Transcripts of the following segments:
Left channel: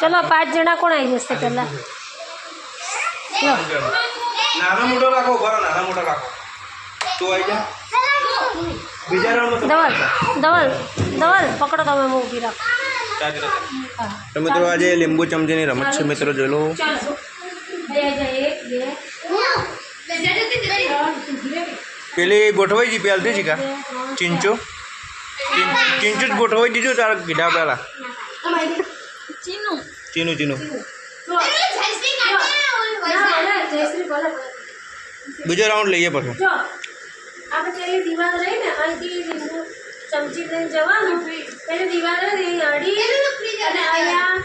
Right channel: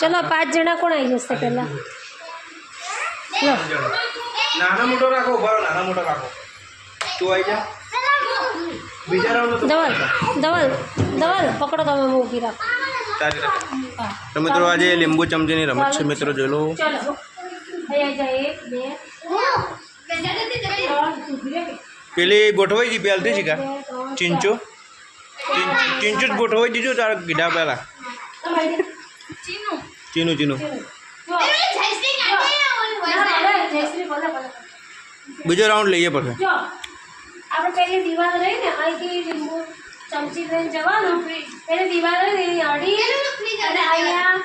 ચલો 5 જણા કોણ આવી જશે પહેલા? નાના મોટો રાખો, ઉભા નાના મોટા રાખો. તું આવી જા. બીજા રાઉન્ડ ધવલ પકડો તમે, હું ઊભી રાખો. તો મિત્રો આજે લીંબુ ચમચીની રમત છે મિત્રો, જોઈ લો. પેલી ગોઠવાઈ જી પહેલથી છે કા ચીંચો જ ગોઠવાઈ દીધું તારા કીધા પહેલા. ચીનું બીજો રાઉન્ડ લઈએ પછી. આપણે પેલી દિવાલ રહી ને અહીંથી લીંબુ ચમચી લઈને જવાનું, પેલી દિવાલ રહી ને અડી અને અહીંયા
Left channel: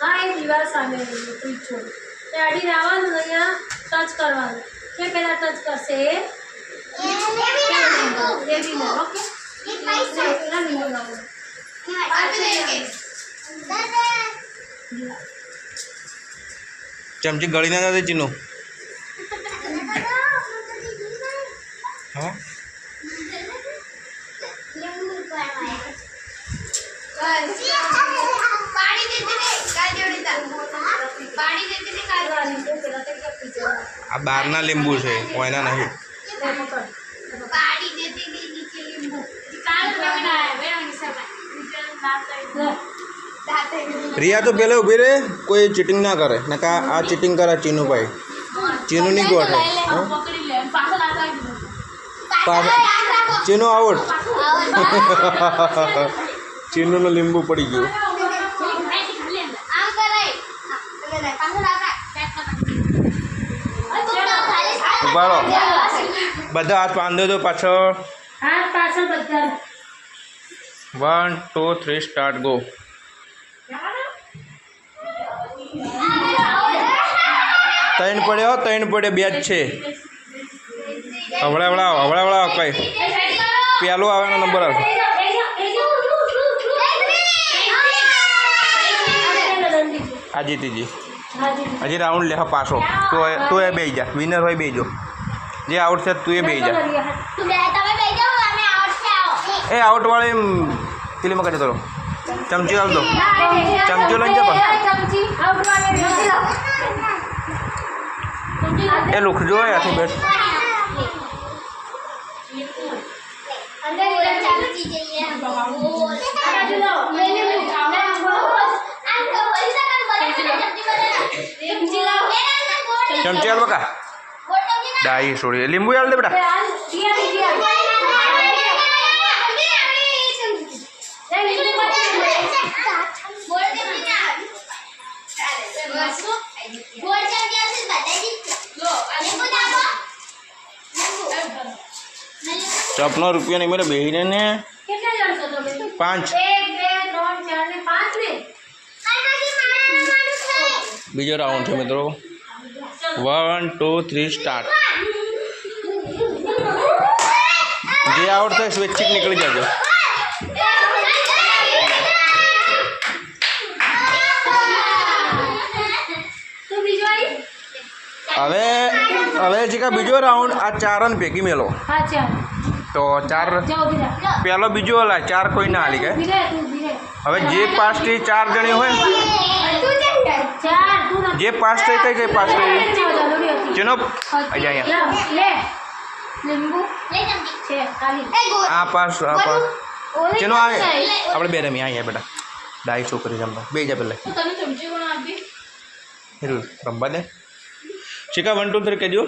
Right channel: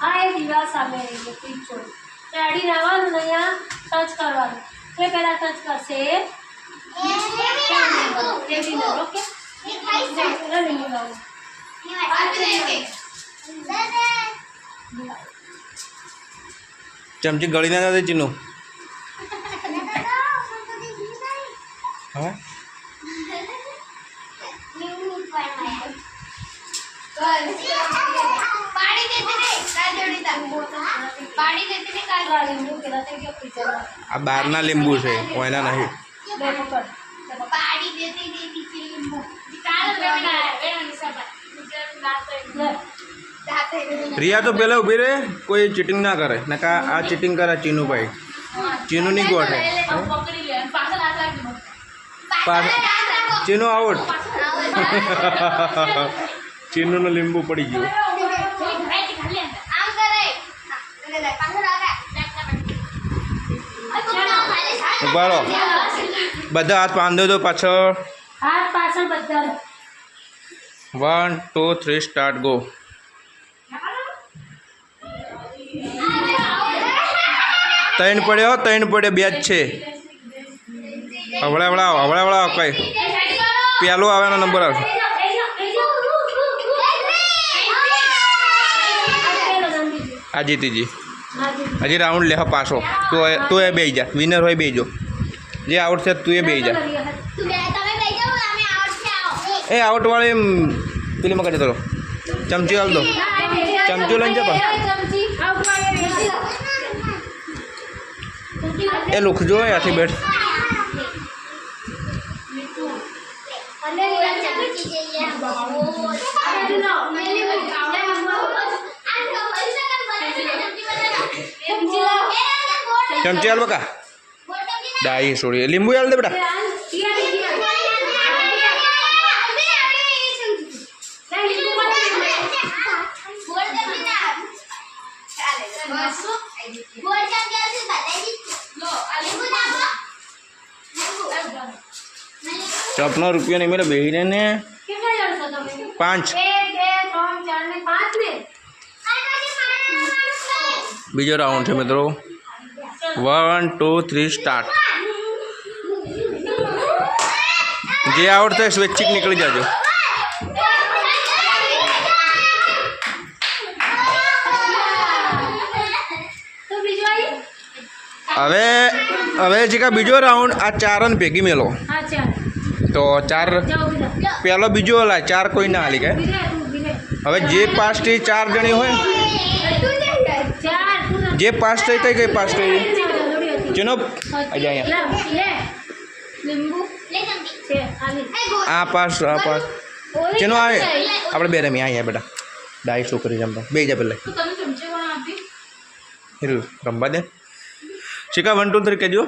હા એ દિવાલ સામે રહી ફ્રીજ છોડ એ અડીને આવવાનું, અહીંયા ટચ કરવાનું. એટલે પહેલાં ટચ કરશે એ વિનર. ઓકે ચમચી ગળી ના દે ચીનું. હા આ બહારના લીંબુ છે, કોઈના નહીં. રિયા તો પેલા ઉભી રહે, કોઈ ચીટિંગ ના કરે ને કા આ ચીટિંગ કરે ચીનું ભાઈ. ચીનું નહીં ગોઠે. ચીનું આઉટ. ચીનું લીંબુ પડી ગયું. ઉભારો બધા હાથ બાંધો તો પાછળ. 1 2 3 સ્ટાર્ટ ગો. ત્રણ પડ્યો બે જ છે. હવળા કઈ પેલો આવેનો નંબર આવશે. આ જીતીજી હજી રાઉન્ડ લે પાછો. તું એ બેસી જા, વિનર હોય બેસજો. જે આઉટ છે તું એ બેસી જા. એ આઉટ વાળી પેલી માં કરી દો. ચમચી હાલ દો, ચમચી લઈને જા. એ લુખજો આથી બેઠ. ચમચી હાલ બકા. ડાઈ છોડી લીંબુ હાલ દે બેટા. ચોપનો રૂપિયા નહીં મેરે બેહીને ને 5. બીજો રાઉન્ડ છે મિત્રો. 1 2 3 સ્ટાર્ટ. જે આઉટ થાય સ્વૈચ્છિક નીકળી જાજો. હવે જે કા બીજો રાઉન્ડ આ 4 ને ભેગી મેલો. તો 4 પહેલો બીજો હલા 4 કોઈ ના હાલી ગયા. હવે જે 5 થી 4 જણી હોય, જે 5 થઈ કઈ 5 થઈ જેનો આ પાસ જેનો આવે આપણે બે રમી અહીંયા બેટા. ડાઈ છોકરી રમવા બે જા પેલા રમવા દે. શીખા 1 2 3 કહેજો.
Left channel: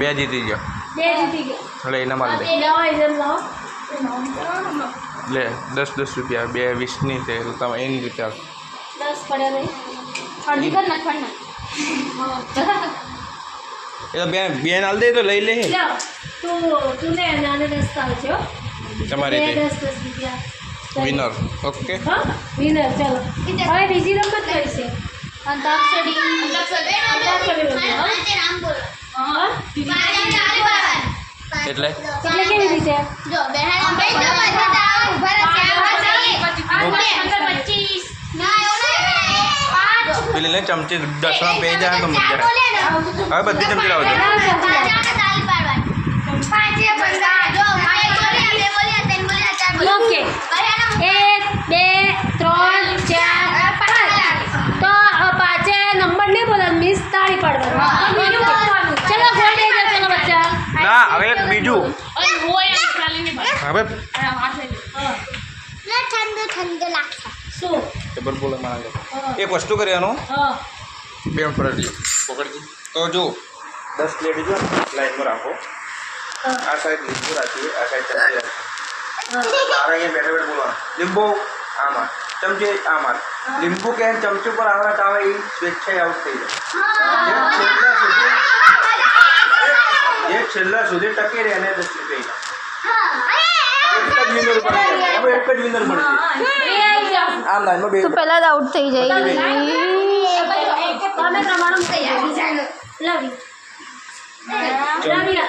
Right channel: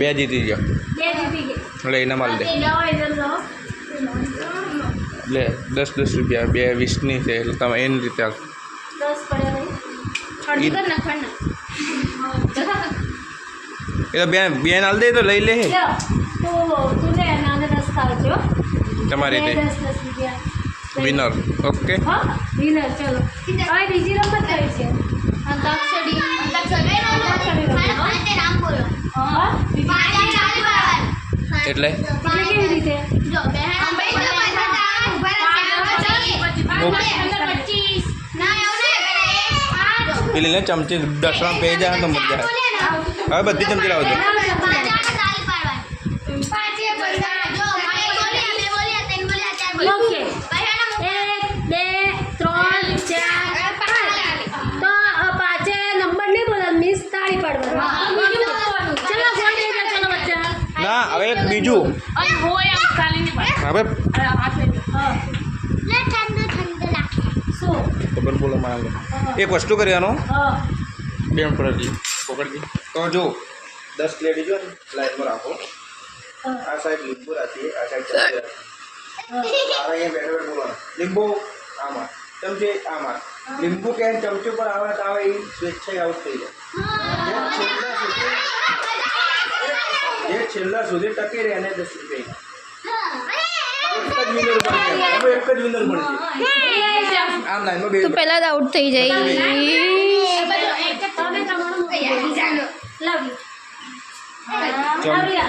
બે જીતી ગયો. લે એના માલ દે. લે 10 રૂપિયા 2 20ની છે તમે એની રીતે 10 પડે ભાઈ. એ તો બેન હાલ દે તો લઈ લે. તું લે અને 10 આવજો તમારી રીતે. વિનર ઓકે હા વિનર ચલો હવે બીજી રમત કઈ છે અંતાક્ષરી હા એટલે એટલે કેવી રીતે પેલી ને ચમચી દસમાં પે જાય તો મજા આવે હવે બધી ચમચી લાવજો ઓકે 1 2 3 4 5 તો પાંચે નંબર નહીં બોલો મિસ તાળી પાડવાનું ચલો ગોળ દઈ દો ચલો બચ્ચા ના હવે એક બીજું હવે શું ખબર બોલો મારે એક વસ્તુ કરવાનું હા બે પકડજી તો જો 10 પ્લેટ જો લાઈનમાં રાખો આ સાઈડ લીંબુ રાખીએ આ સાઈડ ચમચી રાખીએ તારા અહીંયા બેઠા બેઠા બોલવાનું લીંબુ આમાં ચમચી આમાં લીંબુ કે ચમચી પર આવે તો આવે એ સ્વેચ્છાએ આઉટ થઈ જાય એક છેલ્લા સુધી ટકી રહે અને 10 રૂપિયા એક જ વિનર બને આમ લાઈનમાં બે તું પહેલા જ આઉટ થઈ જાય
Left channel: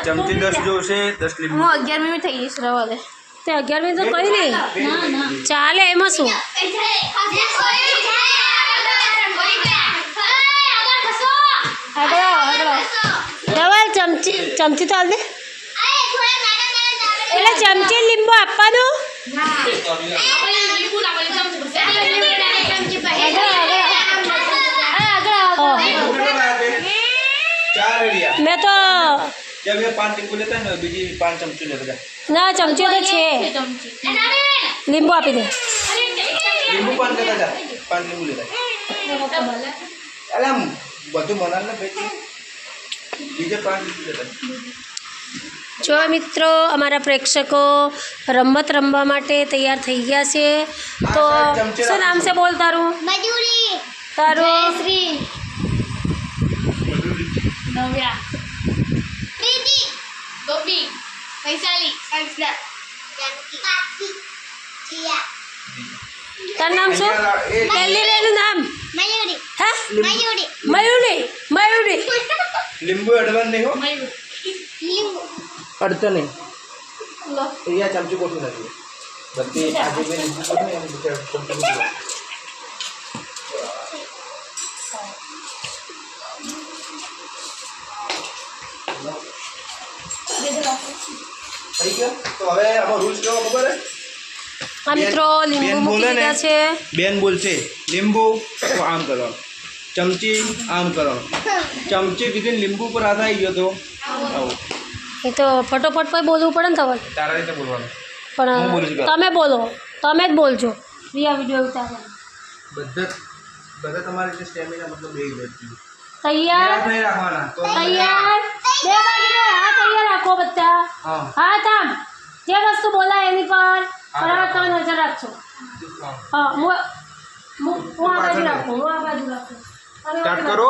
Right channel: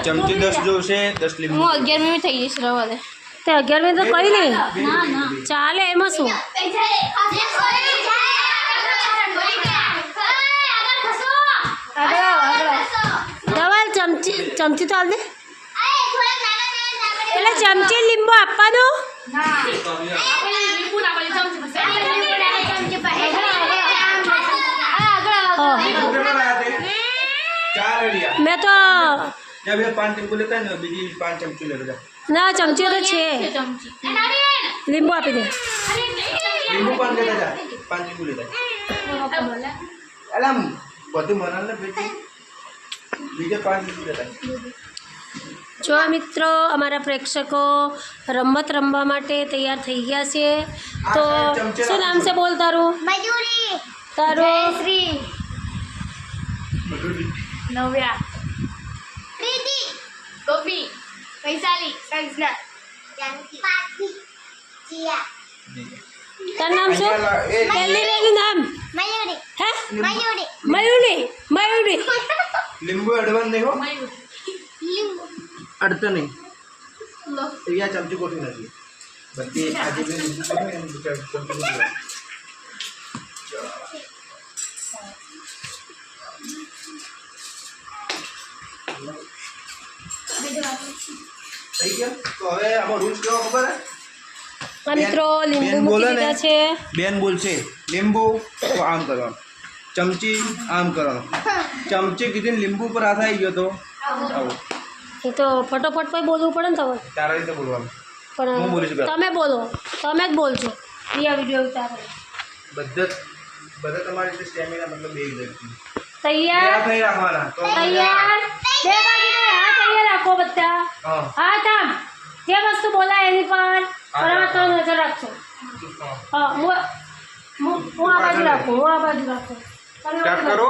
ચમચી 10 જોશે 10 લીંબુ હું 11મી થઈ જઈશ રવા દે તે 11 તો કરી લે ચાલે એમાં શું ધવલ ચમચી તો હાલ દે એટલે ચમચી લીંબુ આપવાનું મેં તો जब ये 5 લીંબુ લેતા ને બીજી 5 ચમચી લેતા જા ના ચમચી તો છે લીંબુ આપી દે લીંબુ 5 લેતા જા 5 લીંબુ લેતા અલમ બધું મનાલ ને ભાઈ બીજે 5 લીંબુ લેતા જો મિત્રો અમારા પ્રેક્ષકો રમત રમવા માટે તૈયાર થઈ ગયા છે તો શું નામ છે બોલ તારું તારું નવ્યા ગોપી વૈશાલી કંસના તારું નામ શું પહેલી રેનું નામ હે મયુરી લીંબુ અડવાન નહીં હો અડતા નહીં અહીંયા ચમચી કોઠી નથી બધી આજે મેં લીંબુ કોઠી અને બીજા ચમચી કોઠી થઈ ગયો તો હવે આમાં રૂલ્સ કેવો ખબર હે આ મિત્રો લીંબુ મૂકી દીધા છે બેન બોલશે લીંબુ તો આમ કરવાનું ચમચી આમ કરવાનું ચમચી કીધીને લીંબુ પર હાથ આવી ગયો તો આવું એ તો ફટોફટ પછી બોલવું પડે ને તમારે તારા રીતે બોલવાનું હું પણ બોલીશ પેલા. તમે બોલો તમે જ બોલજો રિયા વિડીયો ઉતારે બધા તમારી રીતે સ્ટેમિના મતલબ બે વ્યક્તિ તૈયાર નહીં રાખવાના તો તૈયાર બે બાજુ હાથ તૈયાર રાખો બધા હા હાથ આમ જે વસ્તુ બોલાય એની પર બરાબર તો નજર રાખજો હા હું આ બાજુ રાખું સ્ટાર્ટ કરો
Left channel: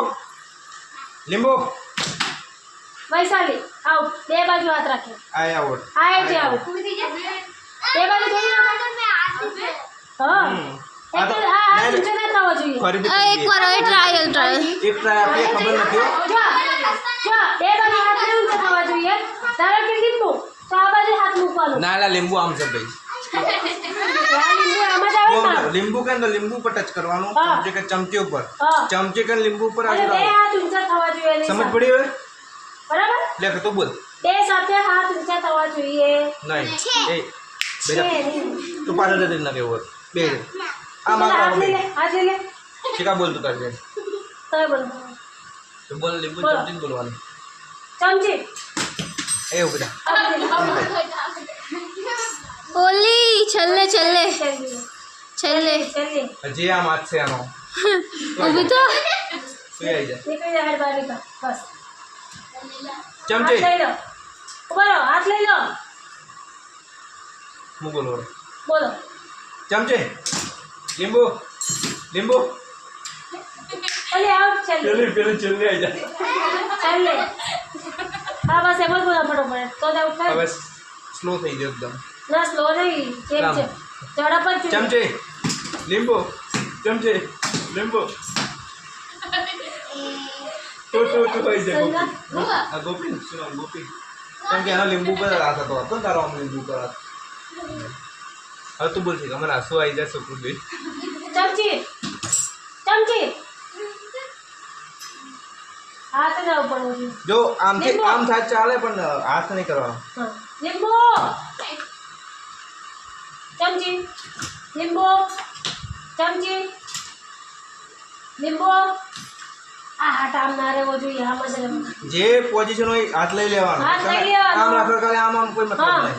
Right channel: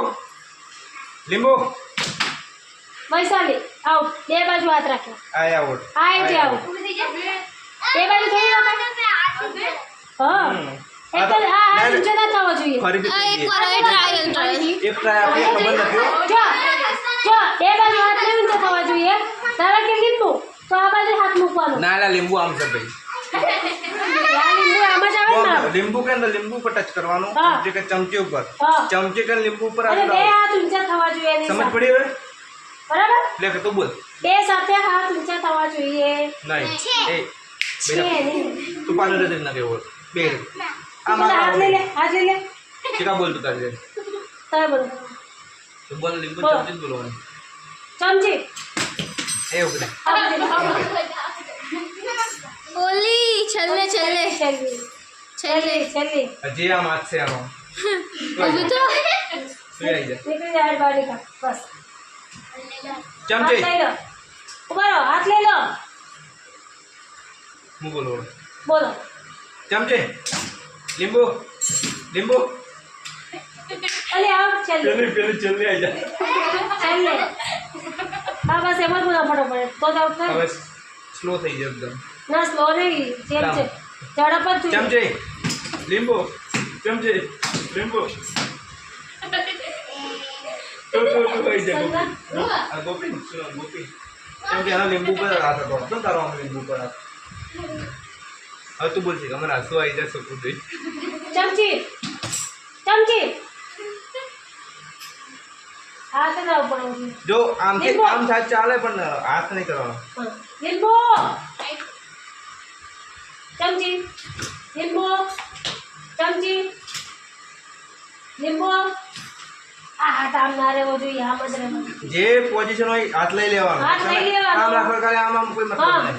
લીંબુ વૈશાલી આઉટ બે બાજુ હાથ રાખો આય આઉટ આ જે આઉટ બે બાજુ થોડી રાખો હા એટલે આ નીચે ના થવા જોઈએ ફરીથી એકવાર હવે ટ્રાય એક ટ્રાય આપીએ ખબર નથી હો જો બે બાજુ હાથ નહીં ઊંચો થવા જોઈએ તારા કે લીંબુ તો આ બાજુ હાથ મૂકવાનો ના ના લીંબુ આમ છે ભાઈ આ લીંબુ આમ જ આવે ને લીંબુ કે લીંબુ પર ટચ કરવાનું હા. ચમચી કે ચમચી ઉપર હા. ચમચી કે લીંબુ પર અને બે આવી હાથ ઊંચા થવા જોઈએ એની સમજ સાથે. પડી હવે બરાબર લે તું બોલ બે સાથે હાથ ઊંચા થવા જોઈએ નહીં એ છે નહીં. તું પાછળ જતી ના કેવું બે આમ હાથ આમ લઈ લે હાથ લઈ લે ઠીકા બોલ તું તારી રીતે. તમે બોલો તો બોલ લીંબુ બોલો. ચમચી જ બોલવાનું ચમચી એ ઉભી રહે. ઓલી છેલ્લે છેલ્લે છેલ્લે છેલ્લી હજી આમ હાથ છે આનો ઊભી તો શું આવી જાય નીકળી જાય હાથ બહાર નીકળ બસ ચમચી હાથ લઈ લો ઉભા રહો હાથ લઈ લો હું બોલો બોલો ચમચી લીંબુ લીંબુ ઓલી આઉટ છેલ્લી પેલું આવી જાય છેલ્લે હા બસ એમ જ બોલો ફટોફટ તો જ આઉટ થાય હવે સ્લો થઈ ગયો એકદમ ના સ્લો નહીં જેમ છે જડા પર ચૂંટો. ચમચી લીંબુ ચમચી લીંબુ તો કઈ દે આ ગોપી સુનો ગોપી કેમ કે એના લીંબુ પર હાથ હતો તો તારો આમ લીંબુ પર હાથ હવે તું બોલ છે કે મને આંસુ આવી જાય છોકરું દે ચમચી ચમચી હાથ ના ઉપર જો આમથી આમ થાય ચાલે પણ હાથ નહીં કરવાનો હા લીંબુ ચમચી લીંબુ ચમચી લીંબુ આ હાથ આમ ના રહેવો જોઈએ આમ જ રહેવો જે પોઝિશન હોય હાથ લઈ લેવાનો હાથ લઈ લેવાનો. આમ રાખો ખાલી આમ આમ કોઈ મતલબ હા નહીં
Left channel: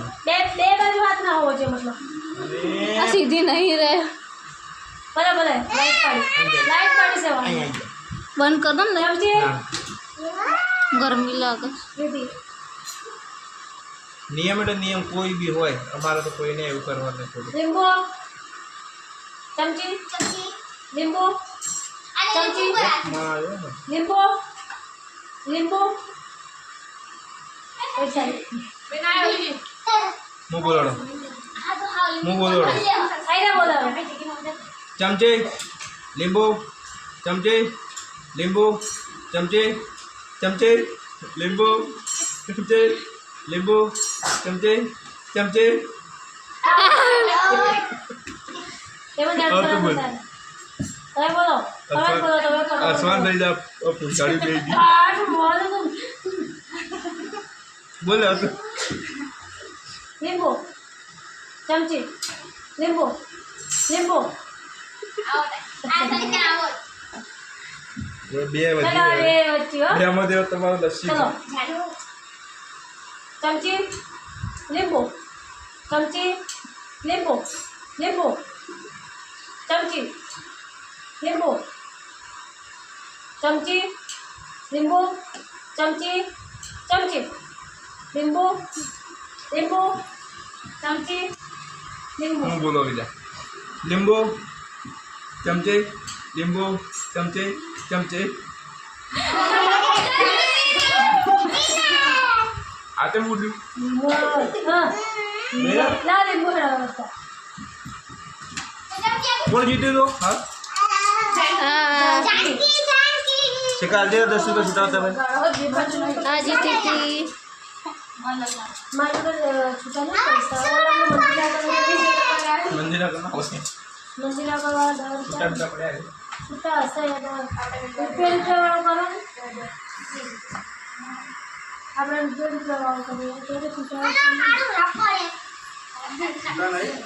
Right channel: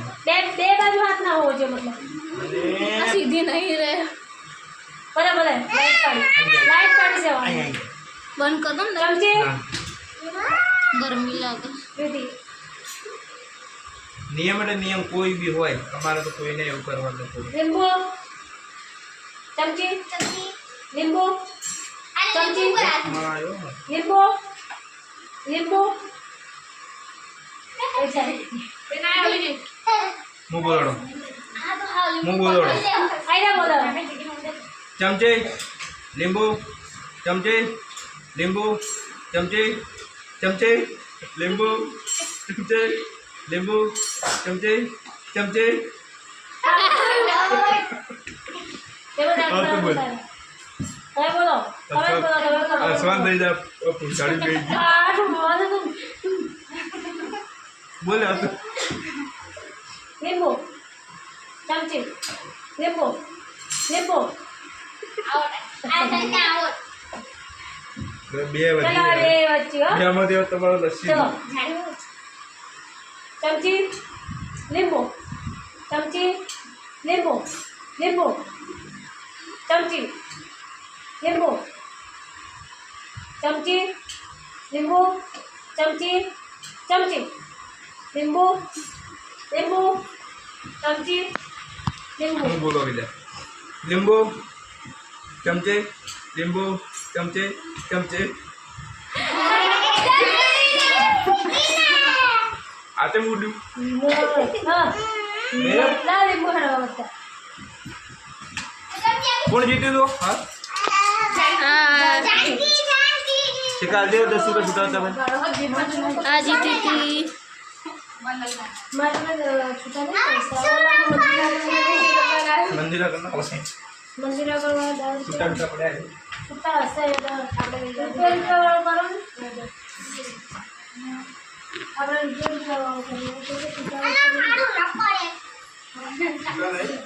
બે બાજુ હાથ ના હોવો જોઈએ મતલબ અને આ સીધી નહીં રહે. બરાબર લાઈટ પાડી જવાનું અહીં બંધ કર દો ને. ચમચી ના ગરમી લાગે. દીદી નિયમ એટલે નિયમ કોઈ બી હોય અમારે તો કોઈને એવું કરવા નથી લીંબુ ચમચી લીંબુ ચમચી લીંબુ લીંબુ ઓછા હું બોલાડો હું બોલાડો આઈને બોલાવો ચમચી લીંબુ ચમચી લીંબુ ચમચી ચમચી લીંબુ ચમચી લીંબુ ચમચી ચમચી और तो बोल। अरे बोलो कमेंट बोलो तो मैं करूँ आसमान भेज दे पुंछाड़ी भेज दी आज बहुत तुम बोल यार नींबू चमची नींबू नींबू બે चलो વધી अरे बच्ची हो બ્રહ્મ દેવ તમારો લસ્સી चलो चमची नींबू चमची नींबू नींबू चमची नींबू चमची नींबू चमची चमची नींबू नींबू चमची नींबू હું બોલો બીજા લીંબુ ચમચી લીંબુ ચમચી ચમચી આ તે મૂડ્યું हाँ मेरा? ला नींबू हरा बच्चा કોણ જીત્યું તો હા આ શિકાર દે 10 રૂપિયા છૂટા તમે આ જીતી હતી. मारे छूटा नहीं पैसा મંદિર કરના પછી मंदिर का बाद છૂટા છૂટા પડ્યા છે छूटा हसे रुपये वाला करो આપણે રૂપિયા વાળો કરીએ તો છૂટા છૂટા નહીં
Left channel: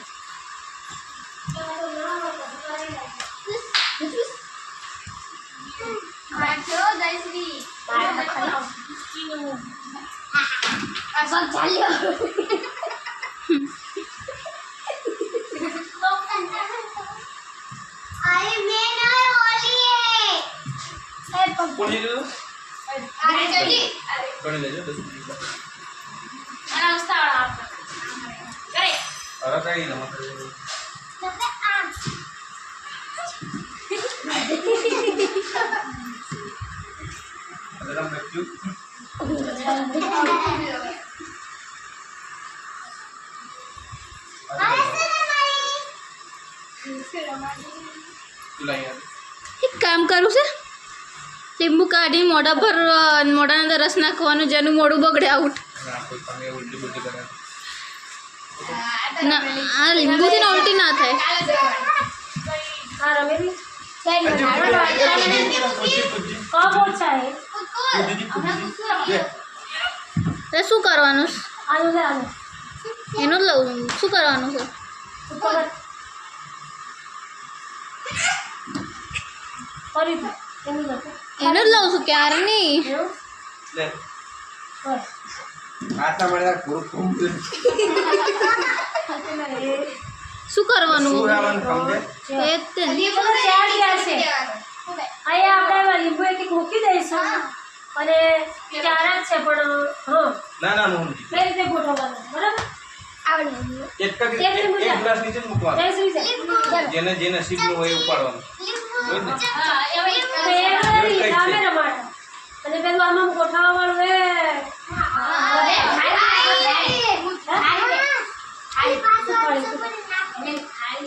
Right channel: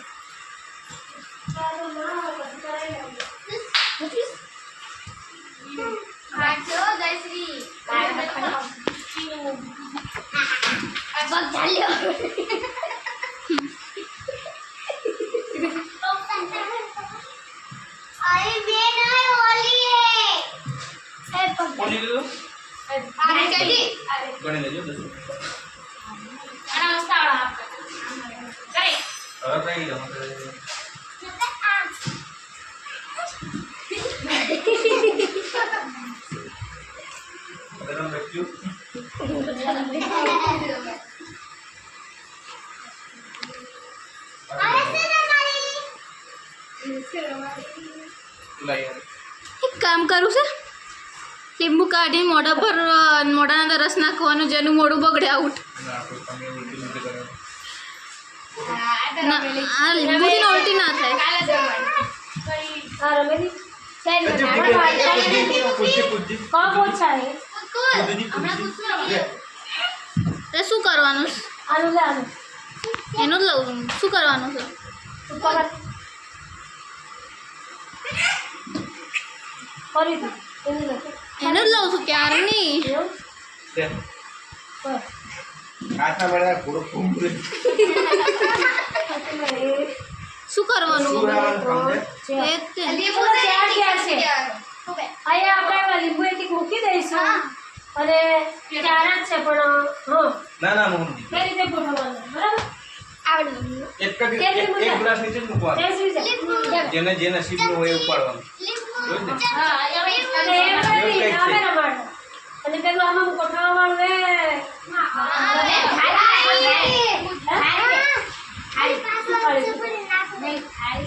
કોણ જીત્યું ગણી લેજો 10 મિનિટ હવે કઈ રમત બધા બેઠ્યું યાર એક કામ કરું છે. લીંબુ કાઢી મોઢા પર મોઢાના અંદર રસ નાખવાનું જેનું મોઢું બગડે આઉટ. ના કોઈ તમે ઉલટી ઉલટી કરે ના આ લીંબુથી ને ઉલટી ના થાય. हाँ रमेश પૂછી પૂછી कौन पूछा है તો શું કરવાનું છે? आलू ले आलू એનું જ લઉં છું. શું કરવાનું છે? ऊपर और इधर इधर देखो એનું જ લઉં છું ક્યારની. यो લે बस આથા બળા પૂરો ફૂમ દે શું કરવાનું? સુરાવાનું કામ દે એ જ તે. ચલો ચાર ચાર છે અહીંયા આપણે લીંબુ એક એક મૂકી દઈશું અને ચાર જ છે પણ હા ના ના હું બે રીતે ગોઠવવાનું બરાબર એક ગ્લાસ નીચે જ મૂકવાનો જય શ્રી જય જેને જે નસીબનું હોય એ ઉપાડવાનું જોઈ ને હા અને એ બધી કામેરા માટે અને પેલું આમાં ગોઠવવા વાળું એ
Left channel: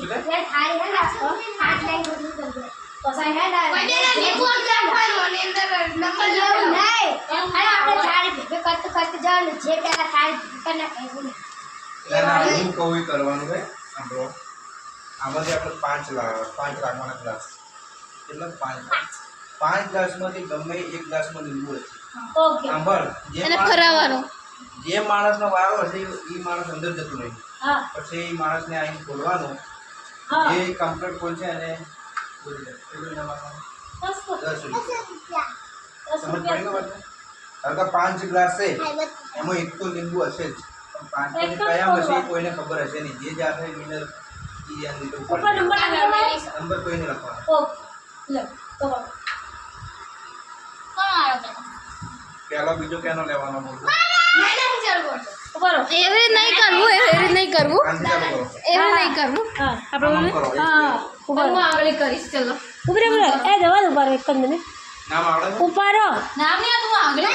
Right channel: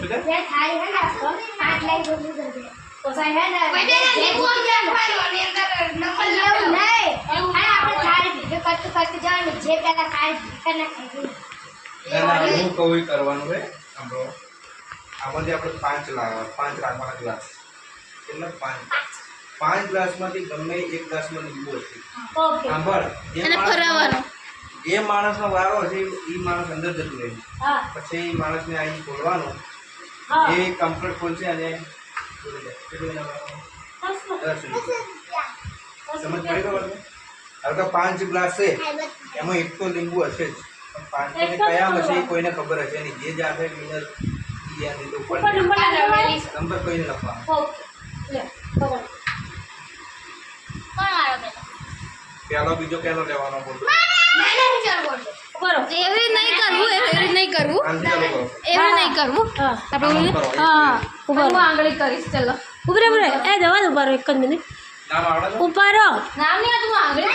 શું થાય? ये थाली है ना इसको 5 लाइन बोल दो तो सही है ना पहले ये बोल क्या भाई મને અંદર નંબર એવું નહીં અરે આપણે થાળી ભેગો કરતું કરતું જવાનું જે પેલા ખાઈ ભીકરના ખાઈ ના હું કહું એ કરવાનું છે સાંભળો આમાંથી આપણે 5 રાખવાના ગ્લાસ કેટલા 5 ગ્લાસમાંથી ગમે એક ગ્લાસમાં લીંબુ હશે ઓકે સાંભળ અને ફરાવાનો જે માણસનો વારો હશે એ માણસ અંદર જતું રહે હા પછી એ માણસને આઈને ખોલવાનું હા એ કમ્પ્લીટ ખોલશે અને ખોલી જાય કેટલું એના વારવાનું? 10 રૂપિયા સમજ પડી ખબર છે? હવે કે 5 ગ્લાસ છે એમાં એક તો લીંબુ હશે જ પણ 5 એક જ કયા હશે એ તો. કોઈને ખબર હશે નહીં જે જાતે વિનર ઈ યાદ લીધો ઉપર ઉપર નંબર લગાવેલી નંબર કોઈને લખવાનો ઓકે લે પકડ કોણ આવ્યો પેલો પહેલો બીજો કેનો લેવાનો બોલો નહીં ચાલ બોલજો ઉપર હો. એવી નહીં કરવું એવી નહીં કરવું કાનથી ચાલુ કરો એવી નહીં કરવું હા આપણે કરો હા ઉપર હું આગળ કરીશ ચલો ઉભરે ઉભરે એ જવા દો ઉભા રહો એક જ મિનિટ નામ આવડે છે? ઉભા રહો નામ નહીં આ તું આગળ